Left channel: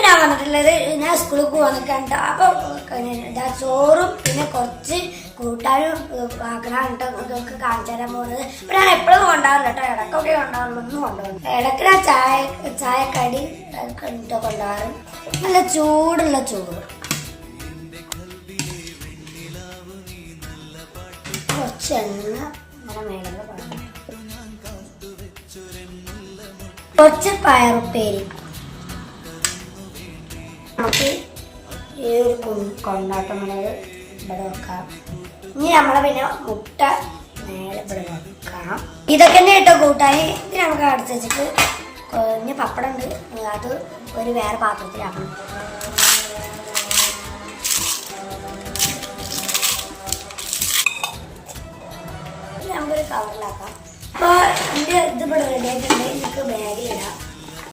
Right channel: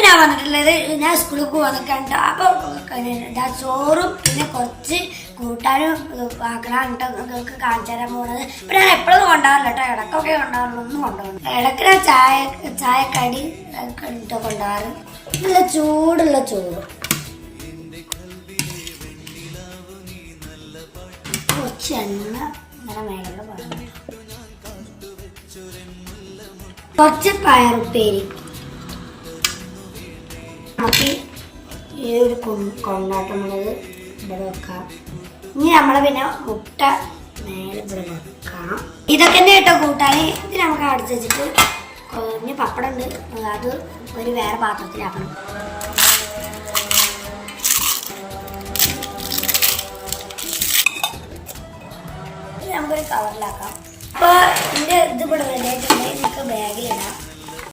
ഇന്ന് ഞാൻ വന്നിട്ടുള്ളത് ഞാൻ സ്കൂളിൽ പോകാൻ നിൽക്കണ്ട അപ്പൊ ചോറും പിന്നെ കുറച്ച് കൂട്ടാനും ആക്കണാണ്ട് നിങ്ങൾക്ക് കാണിച്ചു തരാൻ പോകുന്നത്. ഇപ്പൊ ഞാൻ എപ്പോഴും കൊണ്ടുപോകാറില്ല കേട്ടോ, ഇടക്കൊക്കെ കൊണ്ടുപോകാറുള്ളൂ, ഒന്നും കൊണ്ടുപോകുന്നു. ഇടയ്ക്ക് ഞാൻ ചായക്കടി കൊണ്ടുപോകാറ്. നല്ല ചൂടുള്ള ചോറ്, കുറച്ച് എണ്ണ ഇങ്ങനെ മേലെ പറഞ്ഞു, കുറച്ച് പയറുപ്പേരി. നമുക്ക് ഈ ഒരു കൊണ്ടാട്ടമുളക് ഇവിടെ വെക്കാം. ഇനി നമ്മളെ പിന്നെ മുട്ട നേരെ ഇവിടെ വെക്കാം. ഇതൊക്കെ തന്നെ കേട്ടോ കൂട്ടാൻ. ഇത് നമുക്ക് അടച്ചു വെച്ചിട്ട് ഇനി പപ്പടം ഉണ്ട്, അത് ഒരു വേറെ പാത്രത്തിലാക്കണം. നമുക്കൊരു കവറിലാക്കാം. അപ്പോൾ ഇതിൻ്റെ ഇത് ഇവിടെ റെഡിയായിട്ടുണ്ട്. നമുക്ക് ബാഗിലിടാം.